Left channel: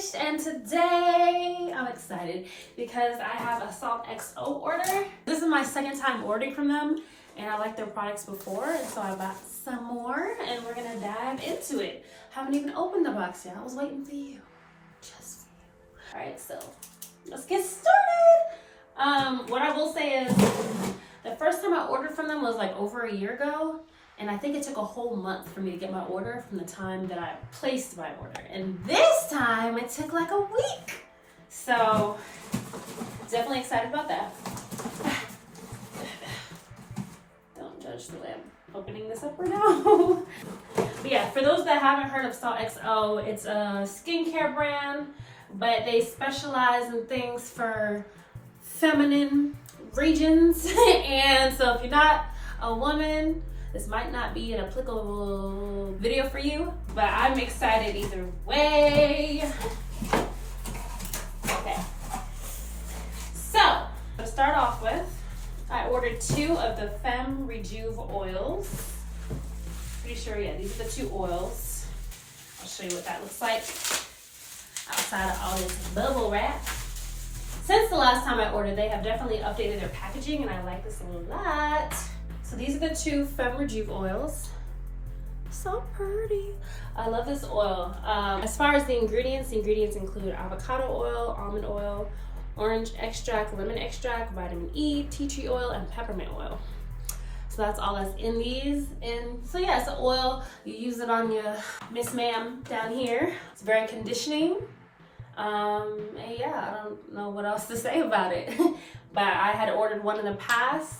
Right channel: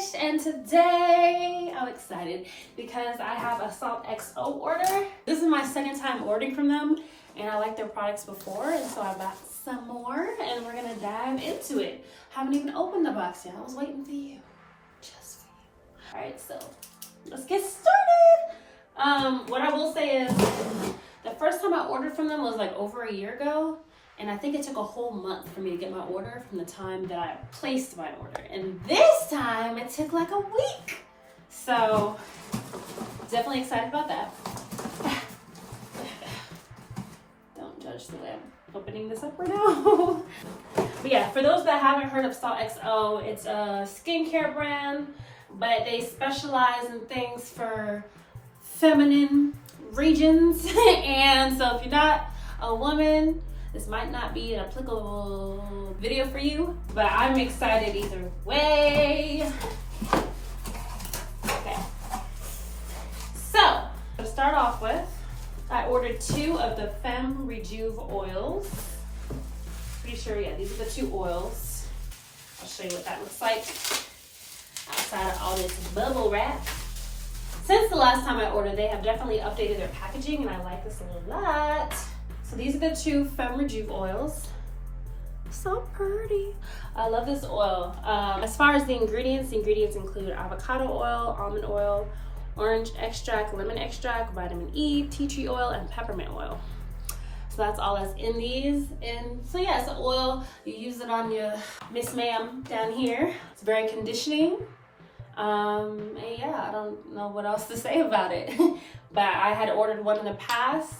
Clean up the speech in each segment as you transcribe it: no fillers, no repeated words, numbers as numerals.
Lish, and today I'm excited because I have a Salt.XO order. This is my second time ordering from them, and I liked their products before, and so I bought some more, and we're gonna dive into it. Haven't even opened the box yet. I was waiting for you, just for you. All right, so let's get started. What I will say is the first time I ordered from them was like over a year ago. And I think it took a whole month for me to get my order from the time that I placed my order. And this time it took like a week. So definitely excited about that. Don't judge the way I'm opening this up right now. But yeah, for those that haven't heard of Salt.XO, it's a skincare brand, but they specialize in things for feminine regions. And so if you're not a woman, this might not be an applicable video for you, but I'm excited either way. Okay. So, to start off with, I ordered 2 of the Femme Rejuv oils. Pretty sure, yeah, these are the 2 oils. I'll show you what that looks like outside of all this bubble wrap. Since the last time I ordered, they have definitely updated their packaging, and I like this a lot. So these are the 2 Femme Rejuv oils. So pretty. I love this oil. As far as the ingredients include avocado oil, almond oil, orange extract, lemon extract, vitamin E, tea tree oil, and peppermint oil. So that's all that's in these. And so yeah, it's an oil. You use it on your Miss Ma'am down here. It's very conditioning. And yeah, I don't know what else to say about it. But I had ordered one in the past,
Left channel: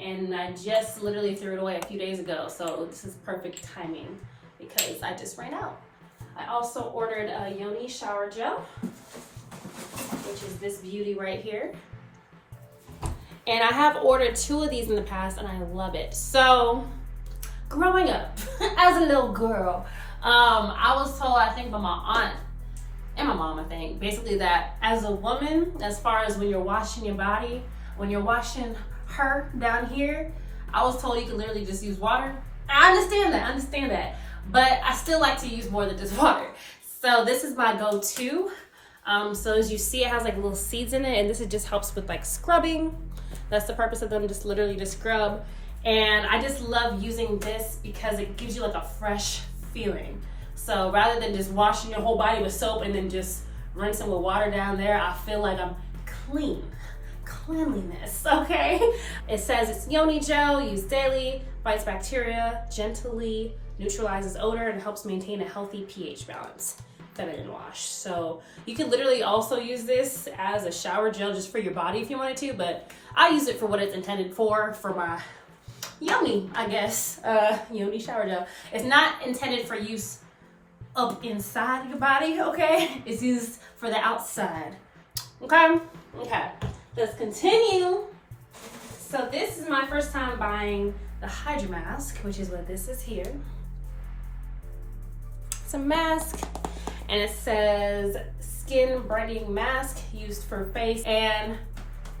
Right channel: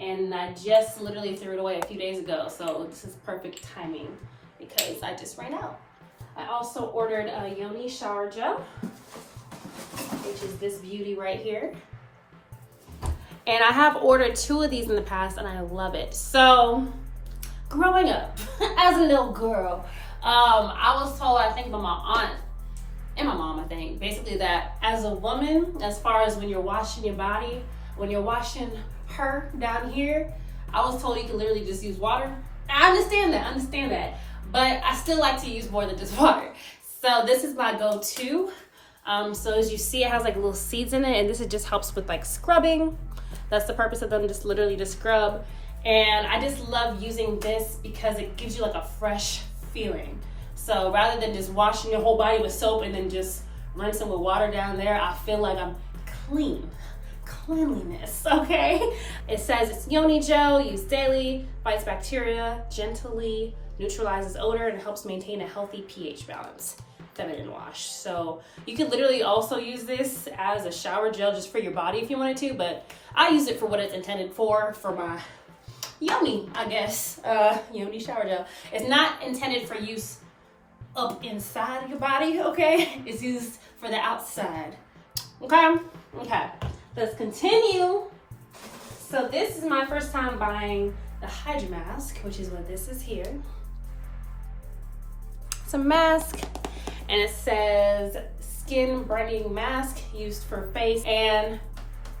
and I just literally threw it away a few days ago. So this is perfect timing because I just ran out. I also ordered a Yoni Shower Gel, which is this beauty right here. And I have ordered 2 of these in the past, and I love it. So growing up as a little girl, I was told, I think by my aunt and my mom, I think, basically that as a woman, as far as when you're washing your body, when you're washing her down here, I was told you could literally just use water. I understand that, but I still like to use more than just water. So this is my go-to. So as you see, it has like little seeds in it, and this just helps with like scrubbing. That's the purpose of them, just literally to scrub. And I just love using this because it gives you like a fresh feeling. So rather than just washing your whole body with soap and then just rinsing with water down there, I feel like I'm clean. Cleanliness, okay? It says it's Yoni gel, used daily, fights bacteria, gently neutralizes odor, and helps maintain a healthy pH balance. Feminine wash. So you could literally also use this as a shower gel just for your body if you wanted to, but I use it for what it's intended for my Yoni, I guess. Yoni shower gel. It's not intended for use up inside your body, okay? It's used for the outside, okay? Okay. Let's continue. So this is my first time buying the Hydra-Mask, which is what this is here. It's a mask, and it says skin brightening mask used for face and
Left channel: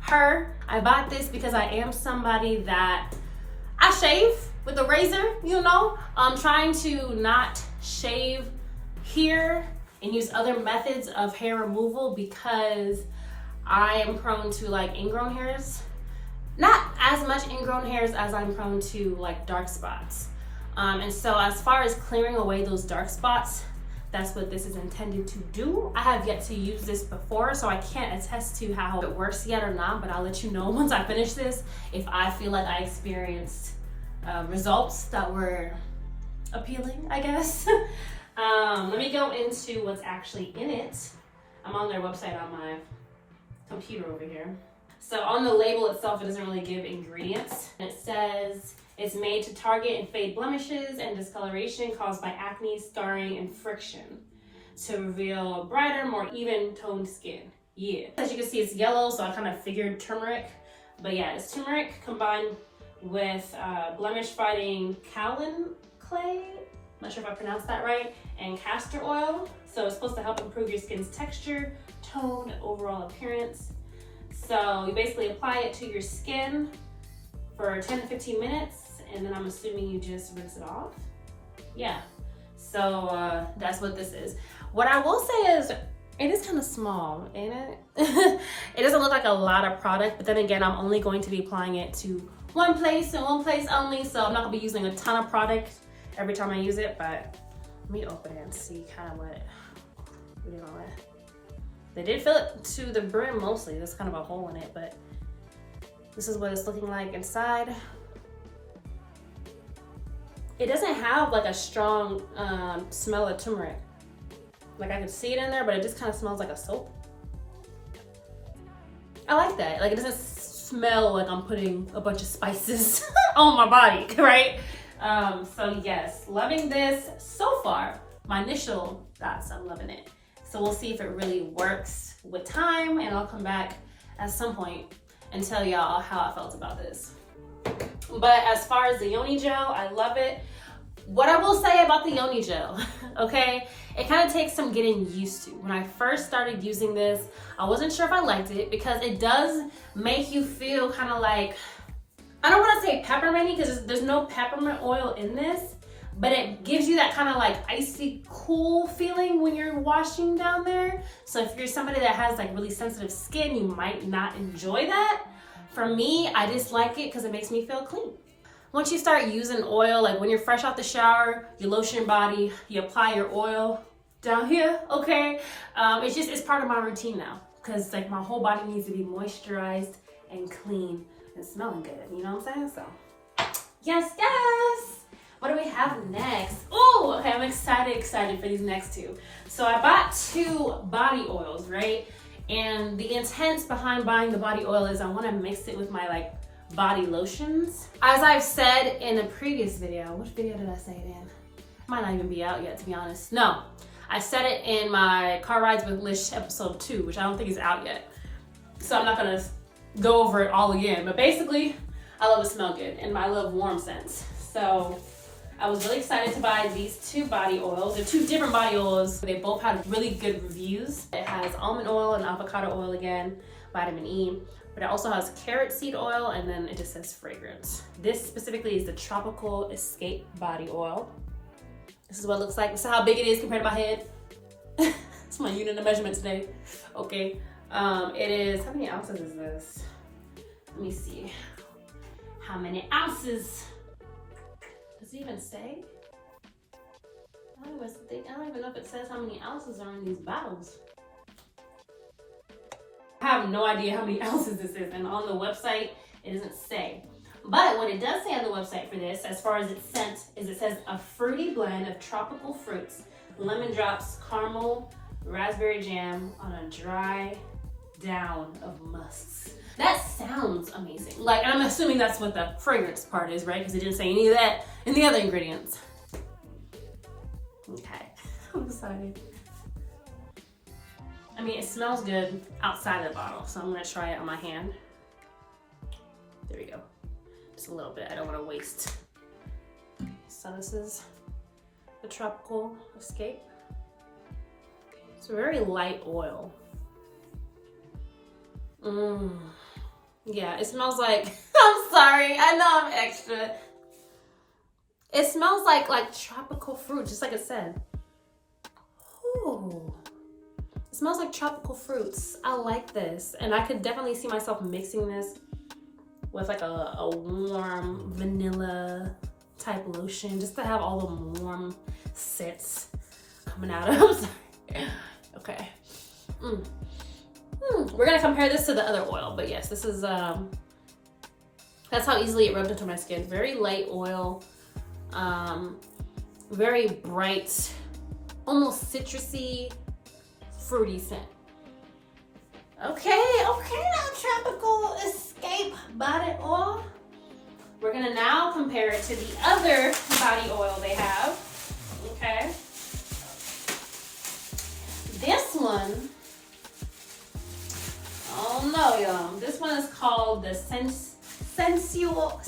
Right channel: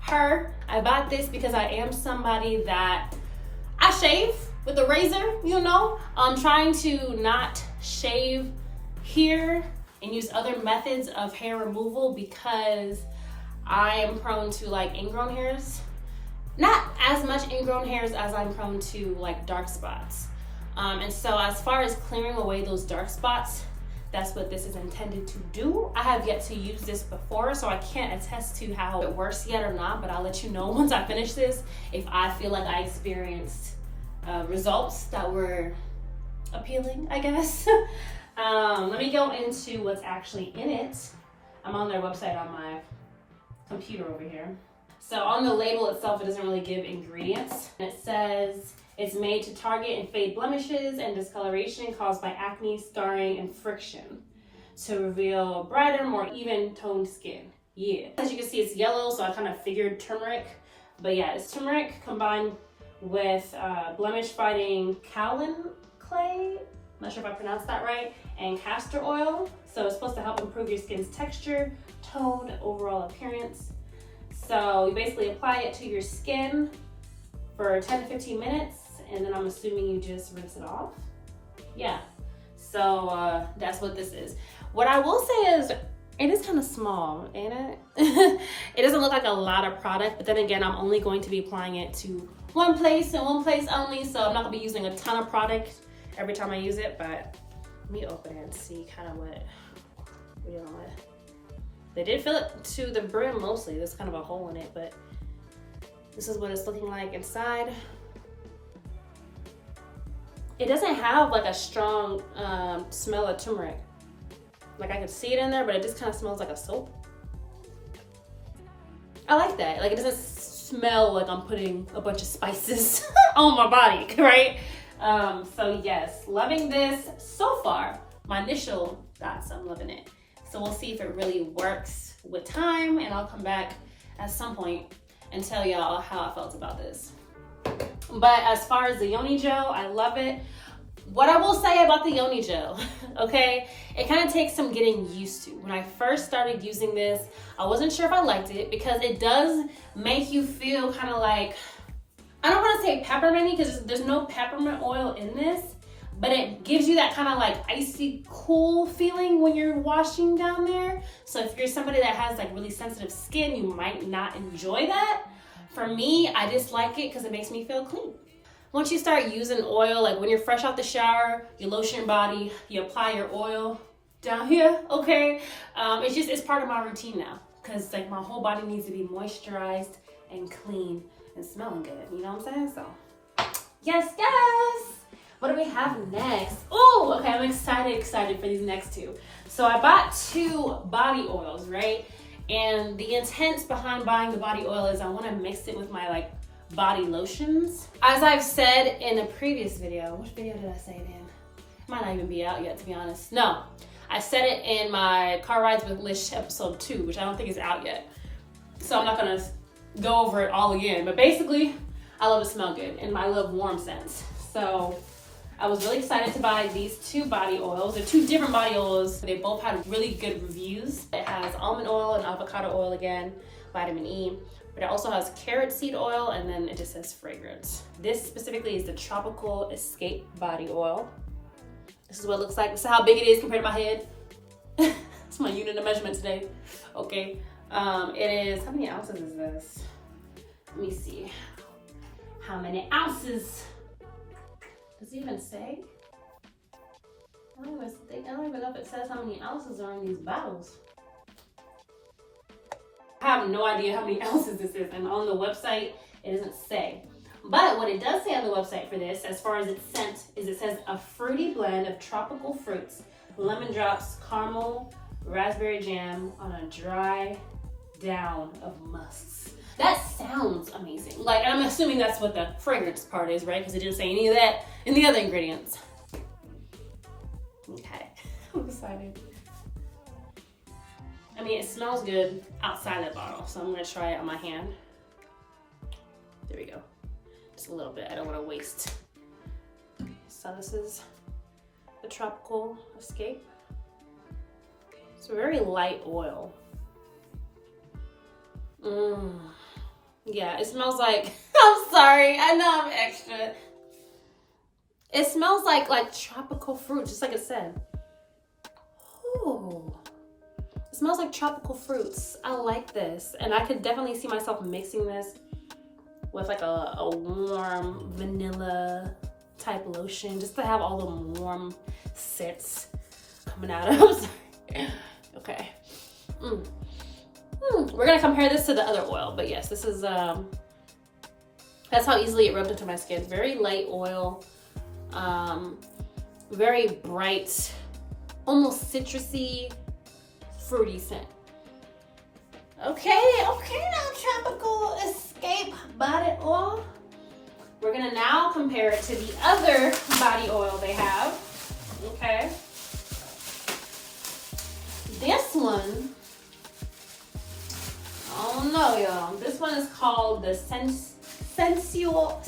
hair. I bought this because I am somebody that I shave with a razor, you know. I'm trying to not shave here and use other methods of hair removal because I am prone to like ingrown hairs. Not as much ingrown hairs as I'm prone to like dark spots. And so as far as clearing away those dark spots, that's what this is intended to do. I have yet to use this before, so I can't attest to how it works yet or not, but I'll let you know once I finish this if I feel like I experienced results that were appealing, I guess. Let me go into what's actually in it. I'm on their website on my computer over here. So on the label itself, it doesn't really give ingredients. It says it's made to target and fade blemishes and discoloration caused by acne, scarring, and friction to reveal brighter, more even toned skin. Yeah. As you can see, it's yellow, so I kind of figured turmeric. But yeah, it's turmeric combined with blemish fighting kaolin clay. I'm not sure if I pronounced that right. And castor oil. So it's supposed to help improve your skin's texture, tone, and overall appearance. So you basically apply it to your skin for 10 to 15 minutes, and then I'm assuming you just rinse it off. Yeah, so that's what this is. What I will say is It is kind of small, ain't it? It doesn't look like a lot of product, but then again, I'm only going to be applying it to one place and one place only, so I'm not gonna be using a ton of product every time I use it, but let me open it and see kind of what we're dealing with. They did fill it to the brim mostly. There's kind of a hole in it, but this is what it's looking like inside. It doesn't have like a strong smell of turmeric. Like I can see it in there, but it just kind of smells like a soap. I like that. Like it doesn't smell like I'm putting a bunch of spices on my body, right? So yes, loving this so far. My initial thoughts, I'm loving it. So we'll see if it really works with time, and I'll come back at some point and tell y'all how I felt about this. But as far as the Yoni gel, I love it. What I will say about the Yoni gel, okay, it kind of takes some getting used to. When I first started using this, I wasn't sure if I liked it because it does make you feel kind of like, I don't want to say pepperminty because there's no peppermint oil in this, but it gives you that kind of like icy cool feeling when you're washing down there. So if you're somebody that has like really sensitive skin, you might not enjoy that. For me, I just like it because it makes me feel clean. Once you start using oil, like when you're fresh out the shower, you lotion your body, you apply your oil down here, okay? It's part of my routine now because like my whole body needs to be moisturized and clean and smelling good, you know what I'm saying? So, yes. What do we have next? Oh, okay, I'm excited for these next two. So I bought 2 body oils, right? And the intent behind buying the body oil is I want to mix it with my like body lotions. As I've said in a previous video, which video did I say it in? It might not even be out yet, to be honest. No, I said it in my Car Rides with Lish episode 2, which I don't think is out yet. So I'm not gonna go over it all again, but basically I love to smell good and I love warm scents. So I was really excited to buy these 2 body oils. They're 2 different body oils. They both had really good reviews. It has almond oil and avocado oil again, vitamin E, but it also has carrot seed oil, and then it just says fragrance. This specifically is the Tropical Escape body oil. This is what it looks like. This is how big it is compared to my head. It's my unit of measurement today. Okay. It is, how many ounces is this? Let me see. How many ounces? Does it even say? I don't even know if it says how many ounces are in these bottles. I have no idea how many ounces this is, and on the website it doesn't say. But what it does say on the website for this, as far as its scent, is it says a fruity blend of tropical fruits, lemon drops, caramel, raspberry jam on a dry down of musks. That sounds amazing. Like, I'm assuming that's what the fragrance part is, right? Because it didn't say any of that in the other ingredients. Okay, I'm excited. I mean, it smells good outside of the bottle, so I'm gonna try it on my hand. There we go. Just a little bit, I don't wanna waste. So this is the Tropical Escape. It's a very light oil. Yeah, it smells like, I'm sorry, I know I'm extra. It smells like tropical fruit, just like it said. Ooh. It smells like tropical fruits. I like this. And I could definitely see myself mixing this with like a warm vanilla type lotion, just to have all the warm scents coming out of. Okay. We're gonna compare this to the other oil, but yes, this is, that's how easily it rubbed into my skin. Very light oil, very bright, almost citrusy, fruity scent. Okay, now Tropical Escape body oil. We're gonna now compare it to the other body oil they have, okay? This one, oh no, y'all. This one is called the Sensual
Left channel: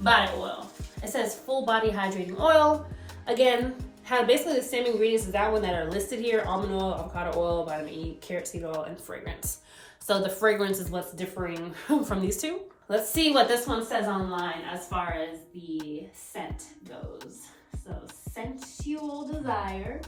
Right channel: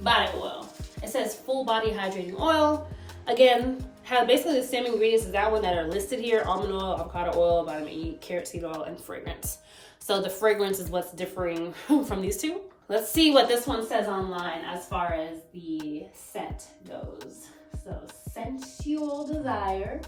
body oil. It says full body hydrating oil. Again, have basically the same ingredients as that one that are listed here: almond oil, avocado oil, vitamin E, carrot seed oil, and fragrance. So the fragrance is what's differing from these two. Let's see what this one says online as far as the scent goes. So Sensual. sensual desire.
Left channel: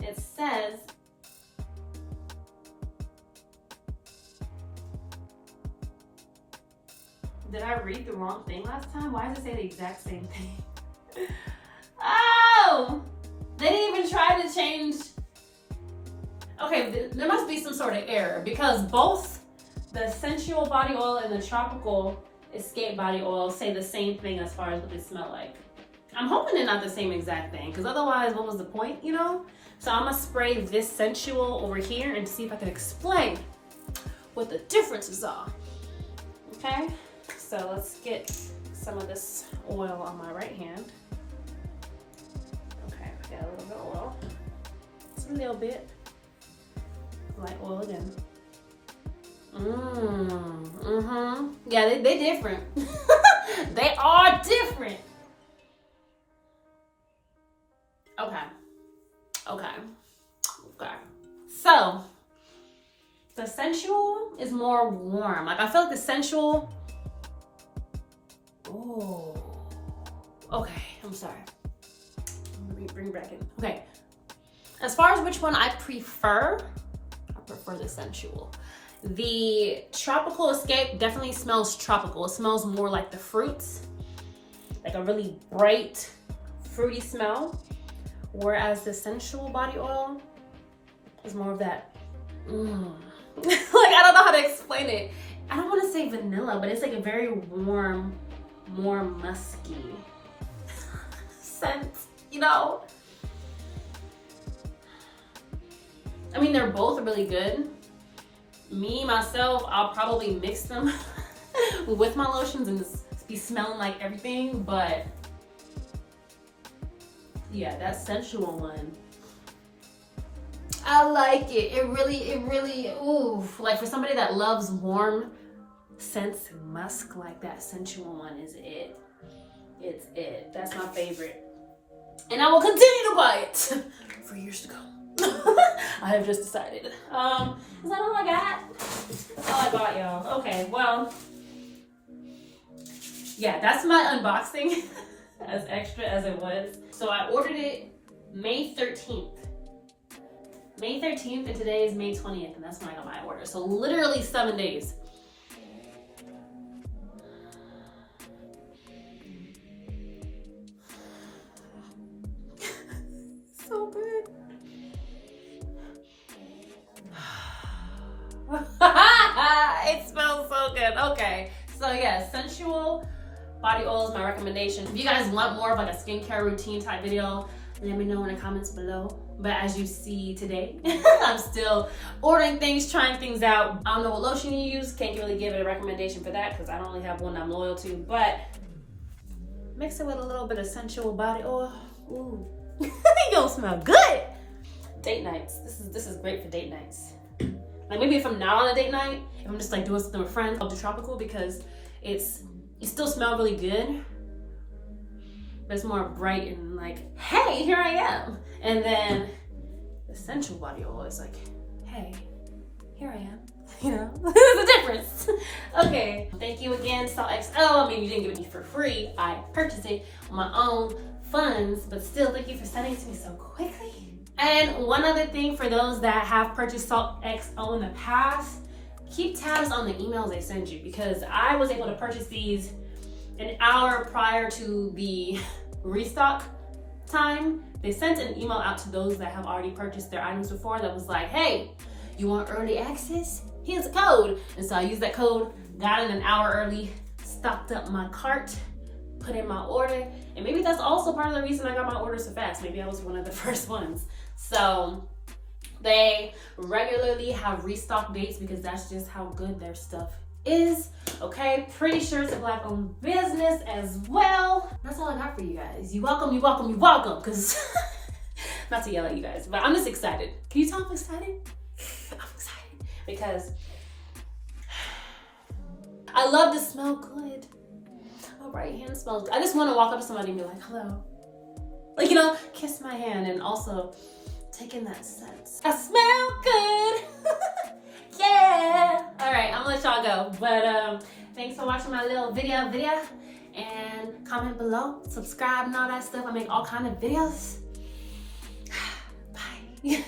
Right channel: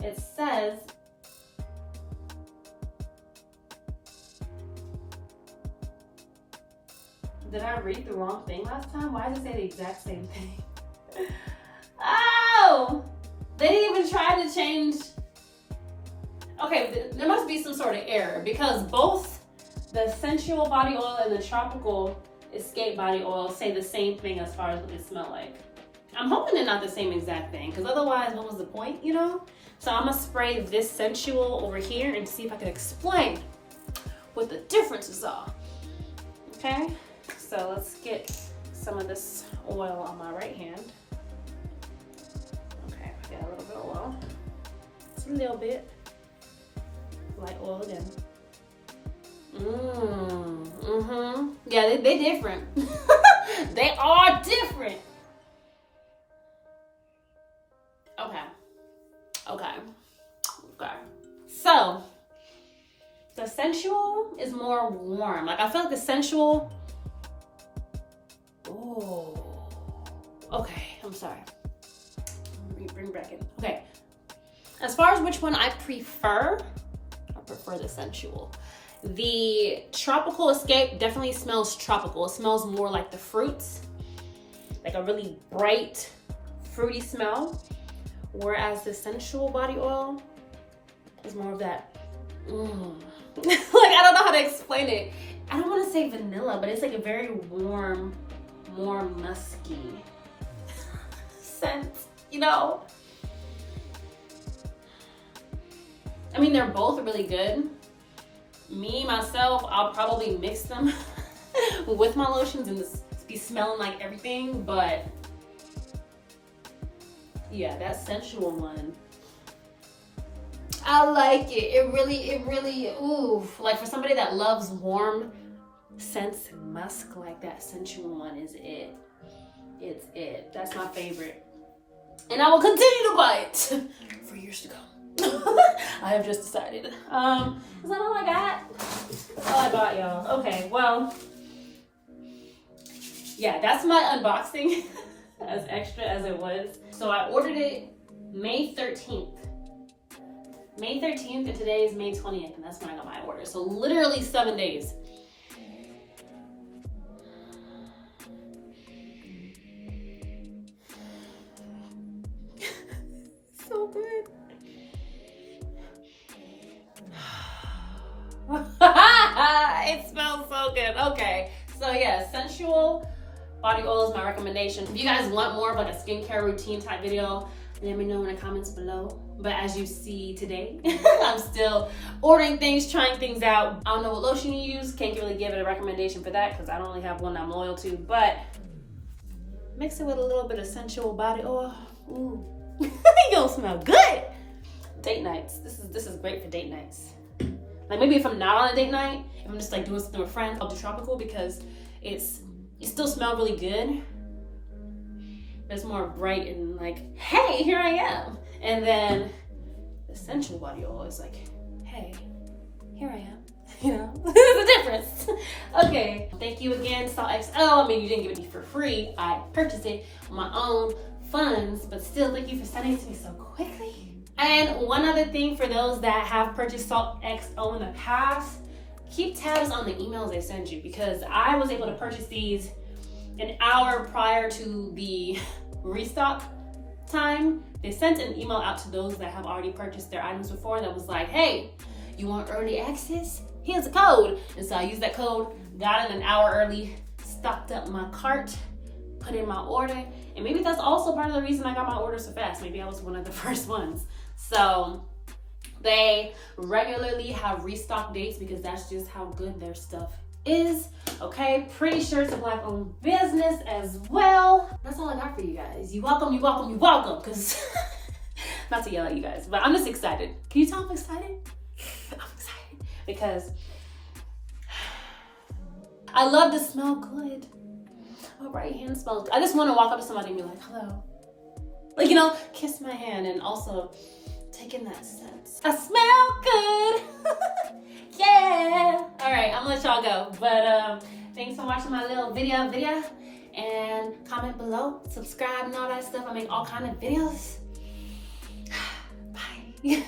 It says, did I read the wrong thing last time? Why does it say the exact same thing? Oh, they didn't even try to change. Okay, there must be some sort of error because both the Sensual body oil and the Tropical Escape body oil say the same thing as far as what they smell like. I'm hoping they're not the same exact thing because otherwise what was the point, you know? So I'm gonna spray this Sensual over here and see if I can explain what the differences are. Okay, so let's get some of this oil on my right hand. Okay, we got a little bit of oil. Just a little bit. Light oil again. Yeah, they different. They are different. Okay. So the Sensual is more warm. Like I feel like the Sensual. Oh. Okay, I'm sorry. Bring it back in. Okay. As far as which one I prefer the Sensual. The Tropical Escape definitely smells tropical. It smells more like the fruits, like a really bright, fruity smell. Whereas the Sensual body oil is more of that, like I don't know how to explain it. I don't want to say vanilla, but it's like a very warm, more musky scent, you know? I mean, they're both really good. Me, myself, I'll probably mix them with my lotions and just be smelling like everything, but yeah, that Sensual one, I like it. It really, ooh, like for somebody that loves warm scents and musk, like that Sensual one is it. It's it. That's my favorite. And I will continue to buy it for years to come. I have just decided. Is that all I got? That's all I bought, y'all. Okay, well, yeah, that's my unboxing. As extra as it was. So I ordered it May 13th. May 13th and today is May 20th and that's when I got my order. So literally 7 days. So good. It smells so good. Okay, so yeah, Sensual body oil is my recommendation. If you guys want more of like a skincare routine type video, let me know in the comments below. But as you see today, I'm still ordering things, trying things out. I don't know what lotion you use. Can't really give it a recommendation for that because I only have one I'm loyal to. But mix it with a little bit of Sensual body oil. Ooh, you'll smell good. Date nights. This is great for date nights. Like maybe if I'm not on a date night, if I'm just like doing something with friends, I'll do Tropical because it still smells really good, but it's more bright and like, hey, here I am. And then the Sensual body oil is like, hey, here I am. You know, there's a difference. Okay, thank you again, Salt.XO. I mean, you didn't give it to me for free. I purchased it on my own funds, but still, thank you for sending it to me so quickly. And one other thing for those that have purchased Salt.XO in the past, keep tabs on the emails they send you because I was able to purchase these an hour prior to the restock time. They sent an email out to those that have already purchased their items before that was like, hey, you want early access? Here's a code. And so I used that code, got it an hour early, stocked up my cart, put in my order. And maybe that's also part of the reason I got my order so fast. Maybe I was one of the first ones. So they regularly have restock dates because that's just how good their stuff is. Okay, pretty sure it's a Black-owned business as well. That's all I got for you guys. You welcome, because not to yell at you guys, but I'm just excited. Can you tell I'm excited? I'm excited because I love to smell good. My right hand smells good. I just want to walk up to somebody and be like, hello. Like, you know, kiss my hand and also take in that scent. I smell good. Yeah. All right, I'm gonna let y'all go. But thanks for watching my little video. And comment below, subscribe and all that stuff. I make all kind of videos. Yeah.